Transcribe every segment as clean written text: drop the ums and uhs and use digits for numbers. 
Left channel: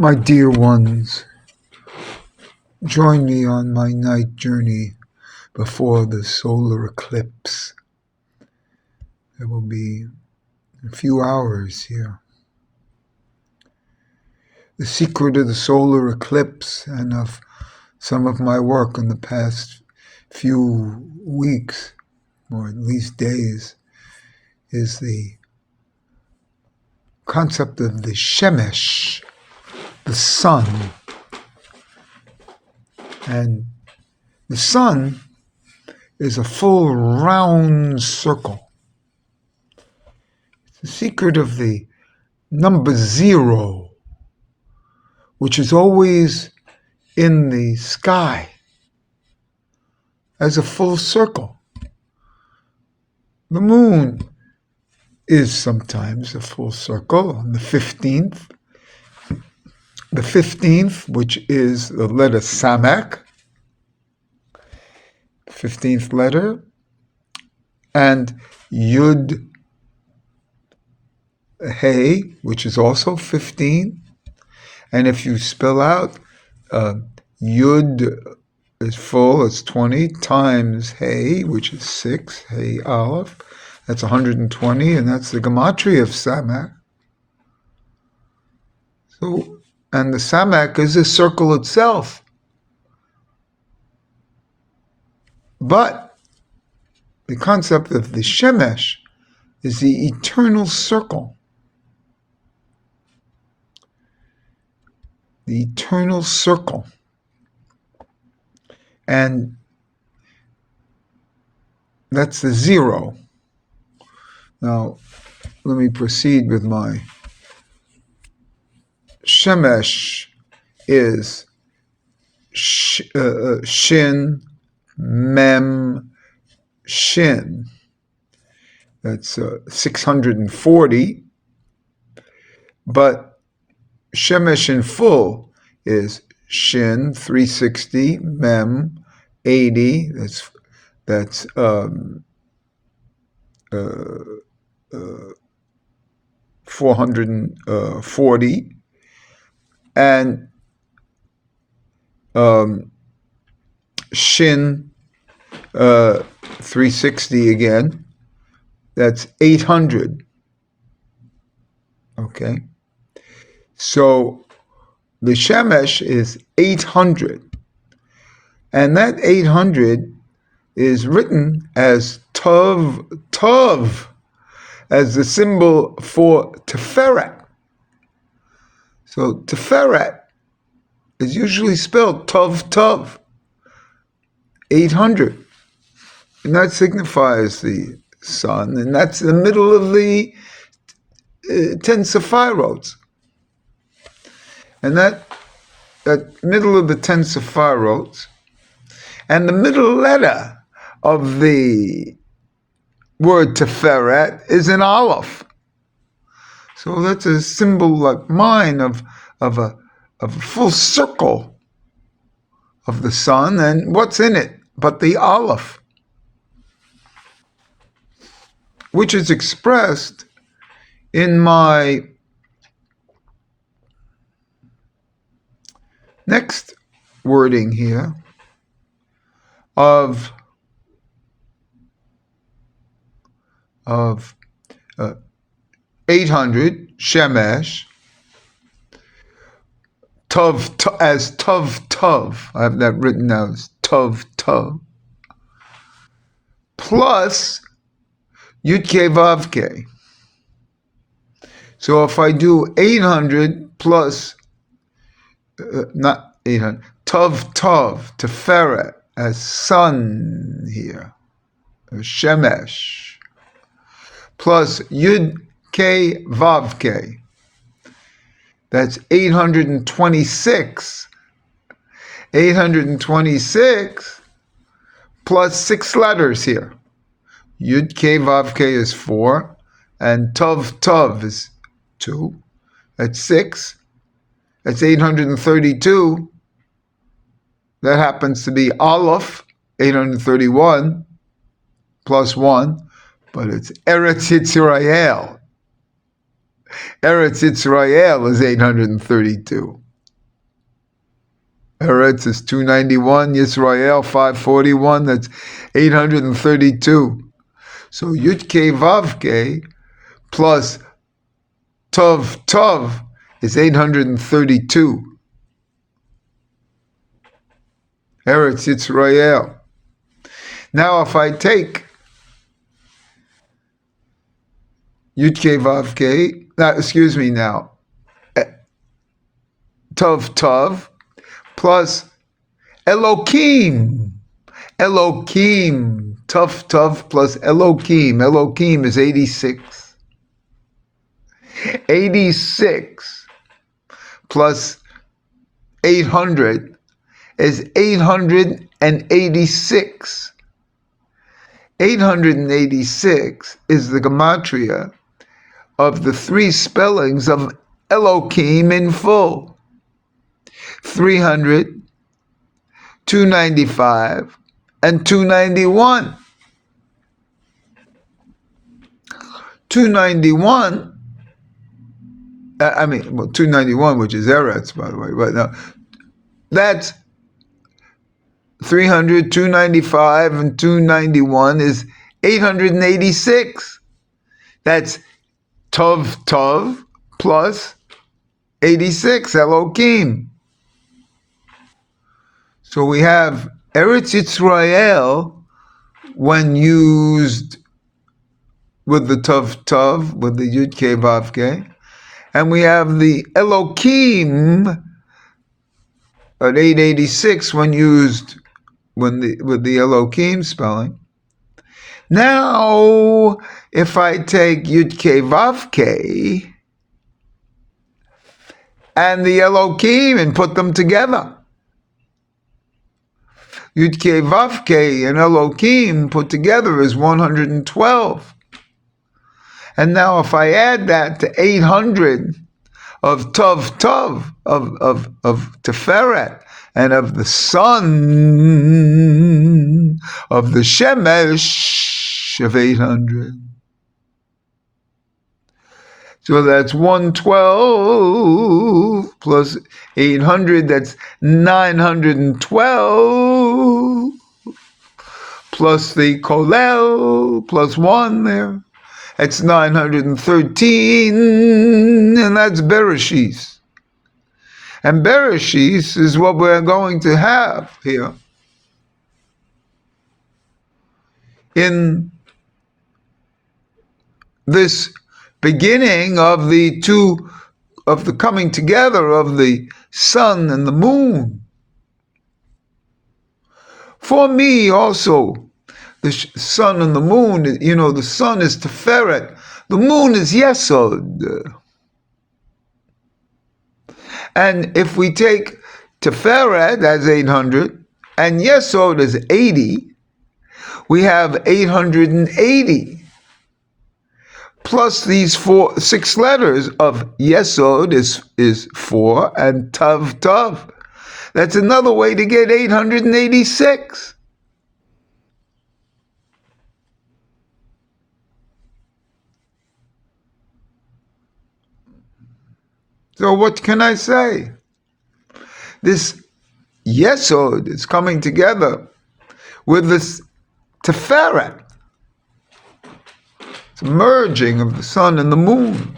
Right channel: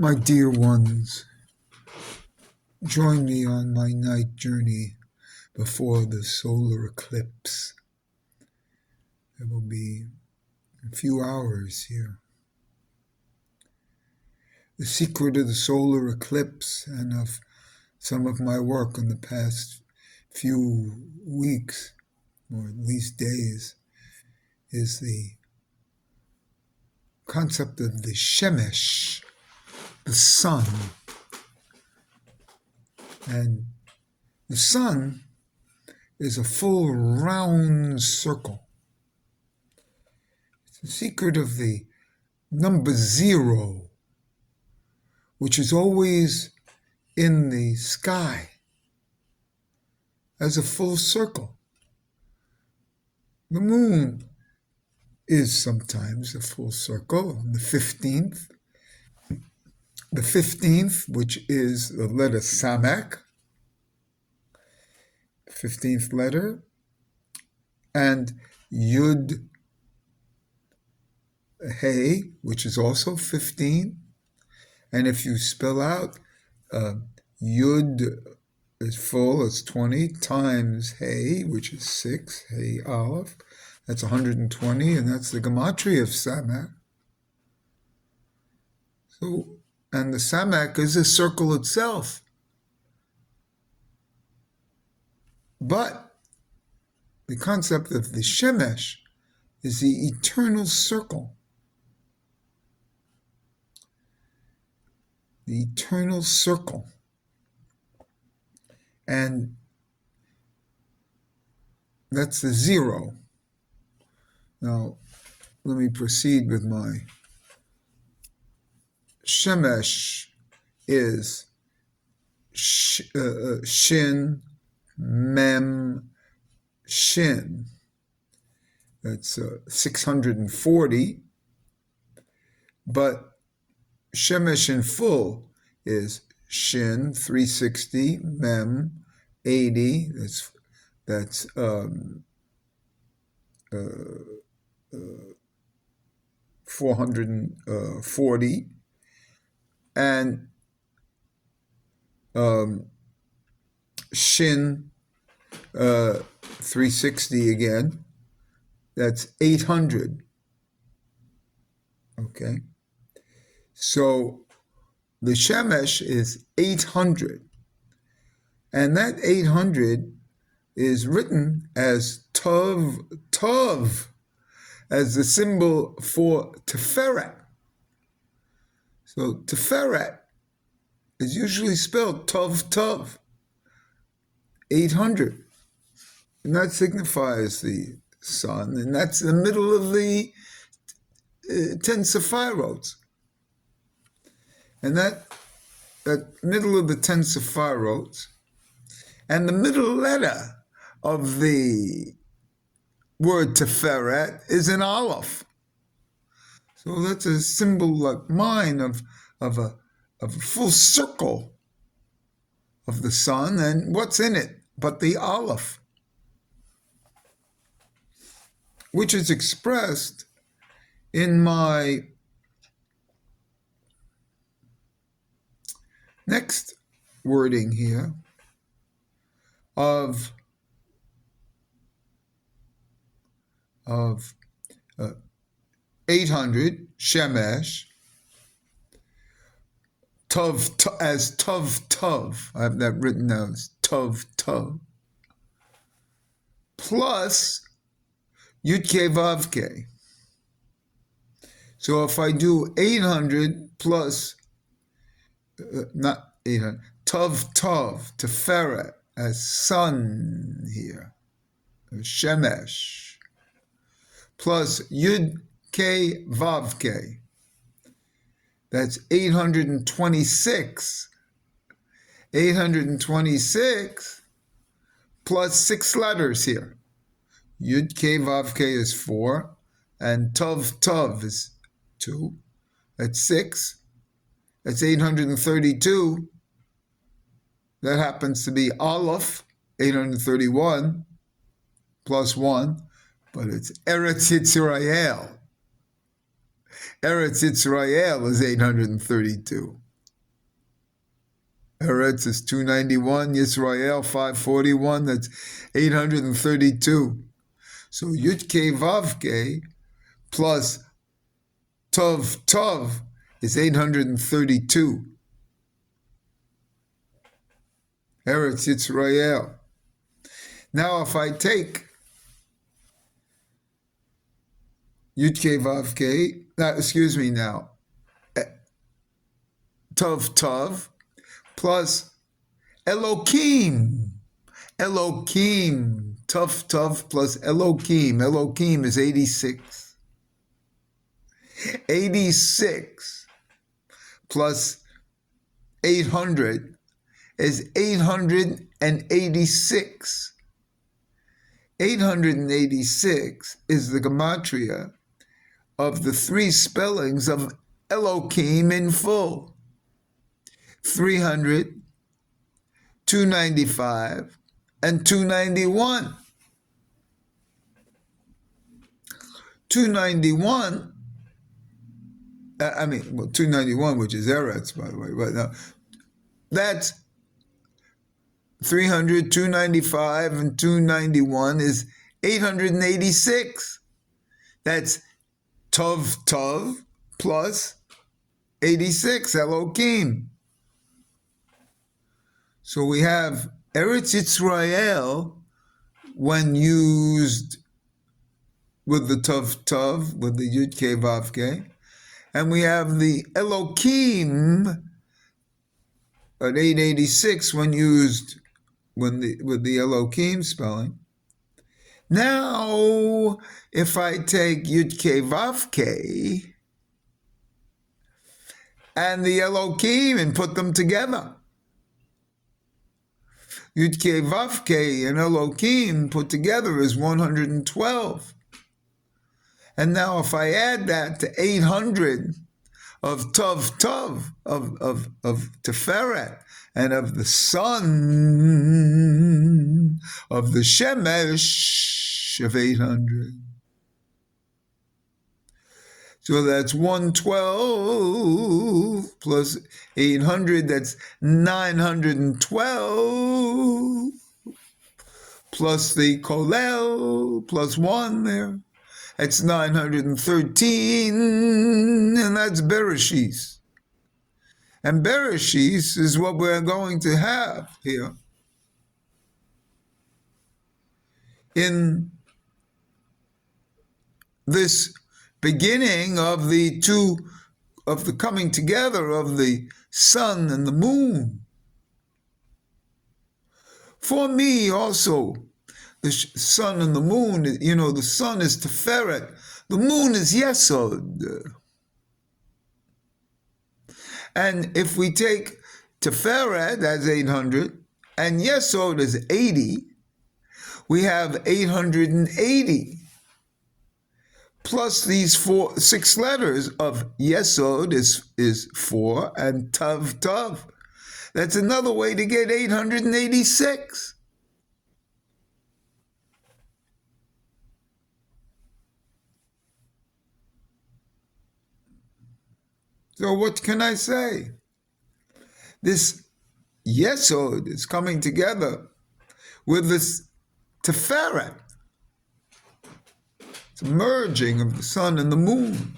My dear ones, join me on my night journey before the solar eclipse. It will be a few hours here. The secret of the solar eclipse and of some of my work in the past few weeks, or at least days, is the concept of the Shemesh, the sun. And the sun is a full round circle. It's the secret of the number 0, which is always in the sky as a full circle. The moon is sometimes a full circle on the 15th. The 15th, which is the letter Samak, 15th letter, and Yud Hey, which is also 15. And if you spell out Yud is full, it's 20, times Hey, which is 6, Hey Aleph, that's 120, and that's the gematria of Samak. So, and the Samak is a circle itself. But the concept of the Shemesh is the eternal circle. The eternal circle. And that's the 0. Now, let me proceed with my Shemesh is Shin, Mem, Shin. That's 640. But Shemesh in full is Shin, 360, Mem, 80. That's 440. And Shin, 360 again, that's 800. Okay? So the Shemesh is 800. And that 800 is written as Tov, as the symbol for Tiferet. So Tiferet is usually spelled Tov, 800. And that signifies the sun, and that's the middle of the 10 Sephirots. And that middle of the 10 Sephirots, and the middle letter of the word Tiferet is an Aleph. So that's a symbol like mine of a full circle of the sun, and what's in it but the Aleph, which is expressed in my next wording here of 800 Shemesh, as Tov. I have that written down as Tov, plus Yud Kei Vav Kei. So if I do 800 plus, not 800, Tov, Tiferet, as sun here, Shemesh, plus Yud Kei Vav Kei, that's 826. 826 plus 6 letters here. Yud Kei Vav Kei is 4, and Tov is 2. That's 6. That's 832. That happens to be Aleph, 831, plus 1, but it's Eretz Yisrael. Eretz Yisrael is 832. Eretz is 291. Yisrael 541. That's 832. So Yud Kei Vav Kei plus Tov Tov is 832. Eretz Yisrael. Now if I take Yud Kei Vav Kei, excuse me now, Tov Tov plus Elokim. Elokim. Tov Tov plus Elokim. Elokim is 86. 86 plus 800 is 886. 886 is the gematria of the three spellings of Elokim in full. 300, 295, and 291. 291, 291, which is Eretz, by the way, but no, that's 300, 295, and 291 is 886. That's Tov Tov plus 86, Elokim. So we have Eretz Yisrael when used with the Tov Tov, with the Yud Kei Vav Kei, and we have the Elokim at 886 when used with the Elokim spelling. Now, if I take Yud Kei Vav Kei and the Elokim and put them together, Yud Kei Vav Kei and Elokim put together is 112. And now if I add that to 800 of Tov Tov, of Teferet, and of the sun, of the Shemesh of 800. So that's 112 plus 800, that's 912, plus the Kolel, plus 1 there. That's 913, and that's Bereshis. And Bereshis is what we're going to have here in this beginning of the coming together of the sun and the moon. For me also, the sun and the moon, the sun is Teferet, the moon is Yesod. And if we take Teferet as 800 and Yesod as 80, we have 880 plus these 6 letters of Yesod is 4 and Tav Tav. That's another way to get 886. So what can I say? This Yesod is coming together with this Teferet. It's a merging of the sun and the moon.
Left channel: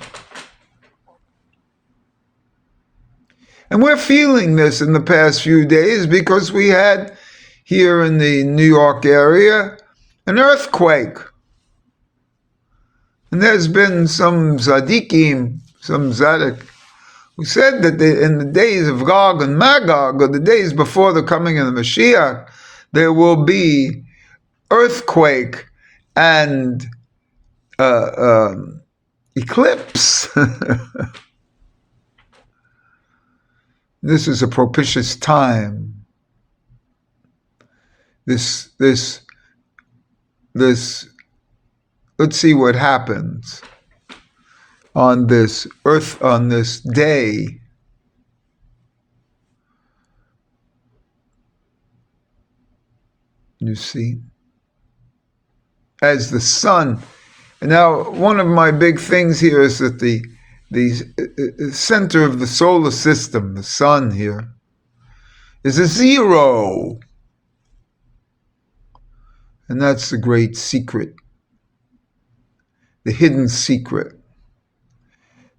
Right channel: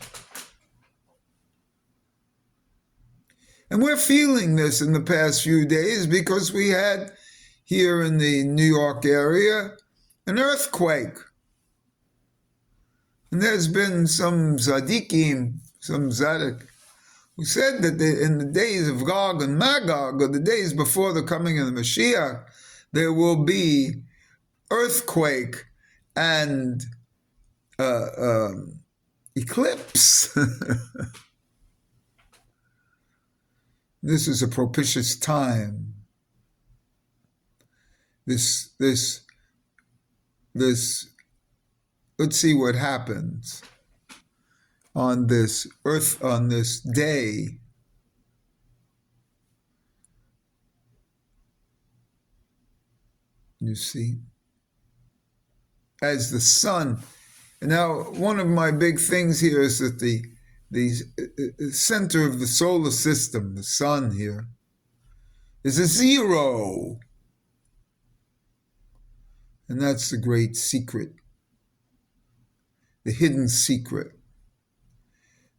And we're feeling this in the past few days because we had here in the New York area an earthquake. And there's been some tzaddikim, some tzaddik, who said that in the days of Gog and Magog, or the days before the coming of the Mashiach, there will be earthquake and eclipse. This is a propitious time. This, let's see what happens on this earth, on this day. You see, as the sun. And now, one of my big things here is that the center of the solar system, the sun here, is a zero. And that's the great secret, the hidden secret.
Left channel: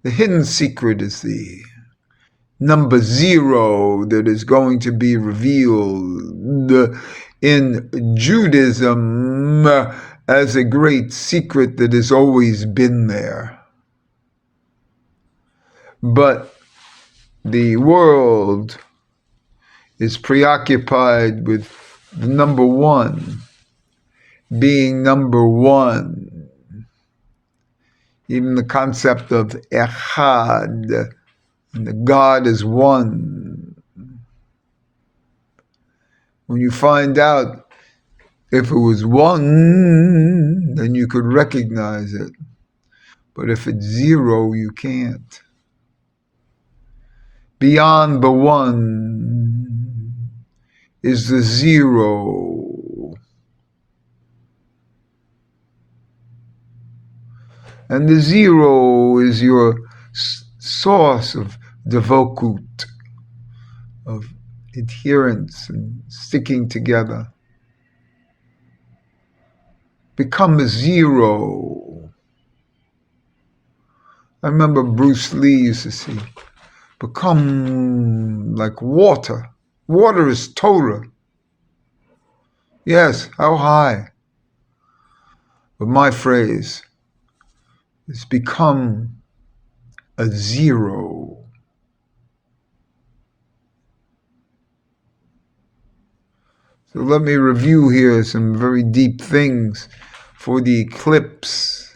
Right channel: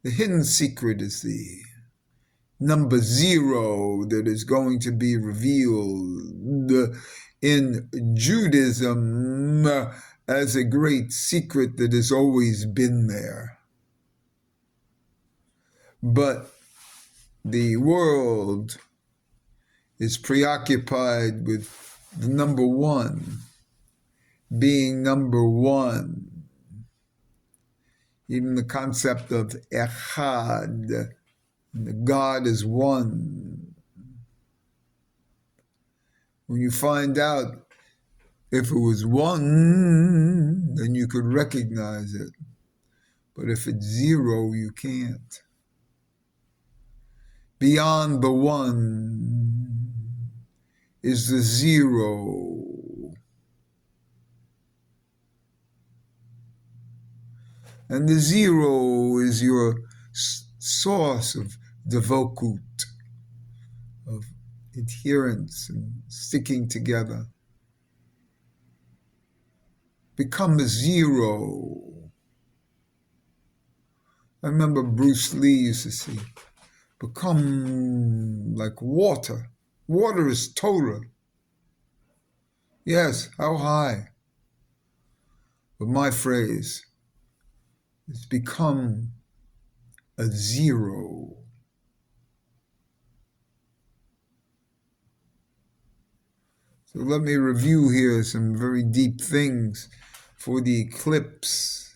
The hidden secret is the number zero that is going to be revealed in Judaism as a great secret that has always been there. But the world is preoccupied with the number one being number one. Even the concept of echad, and the God is one. When you find out if it was one, then you could recognize it. But if it's zero, you can't. Beyond the one is the zero. And the zero is your source of devokut, of adherence and sticking together. Become a zero. I remember Bruce Lee used to say, become like water. Water is Torah. Yes, how high? But my phrase is become a zero. So let me review here some very deep things for the eclipse,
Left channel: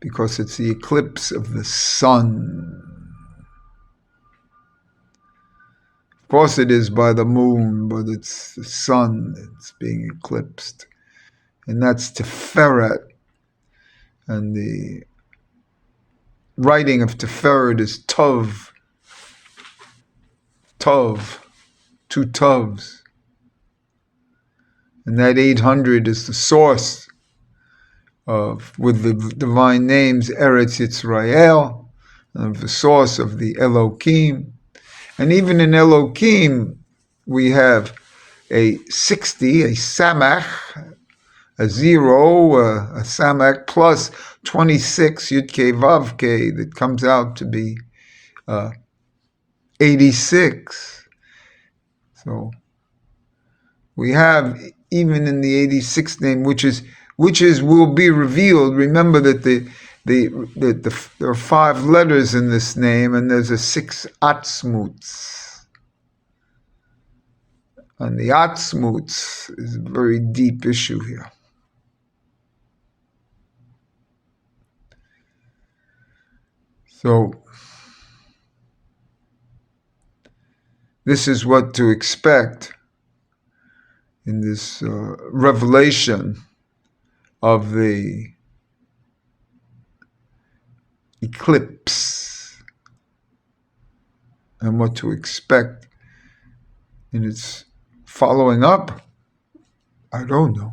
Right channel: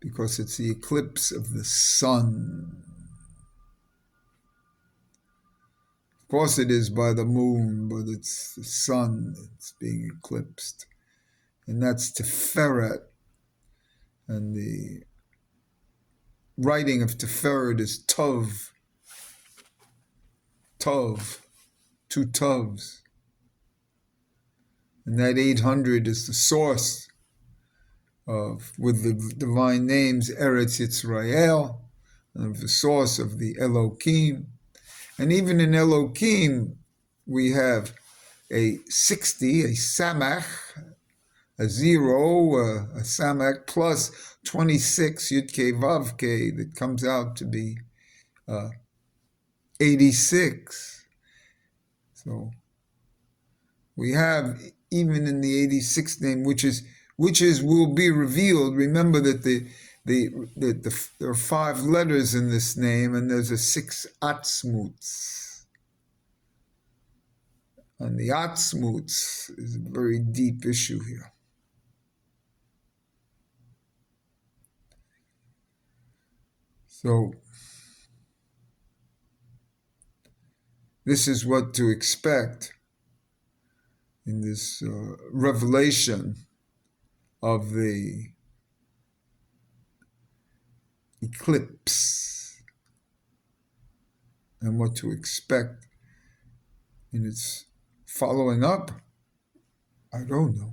because it's the eclipse of the sun. Of course it is by the moon, but it's the sun that's being eclipsed. And that's Tiferet. And the writing of Tiferet is Tov. Tov. Two Tovs. And that 800 is the source of, with the divine names, Eretz Yisrael, of the source of the Elohim. And even in Elohim, we have a 60, a Samach, a zero, a Samach, plus 26, Yud-K, Vav-K, that comes out to be 86. So we have, even in the 86th name, which is will be revealed. Remember that there are 5 letters in this name, and there's a 6 atzmuts. And the atzmuts is a very deep issue here. So this is what to expect in this revelation of the eclipse, and what to expect in its following up. I don't know.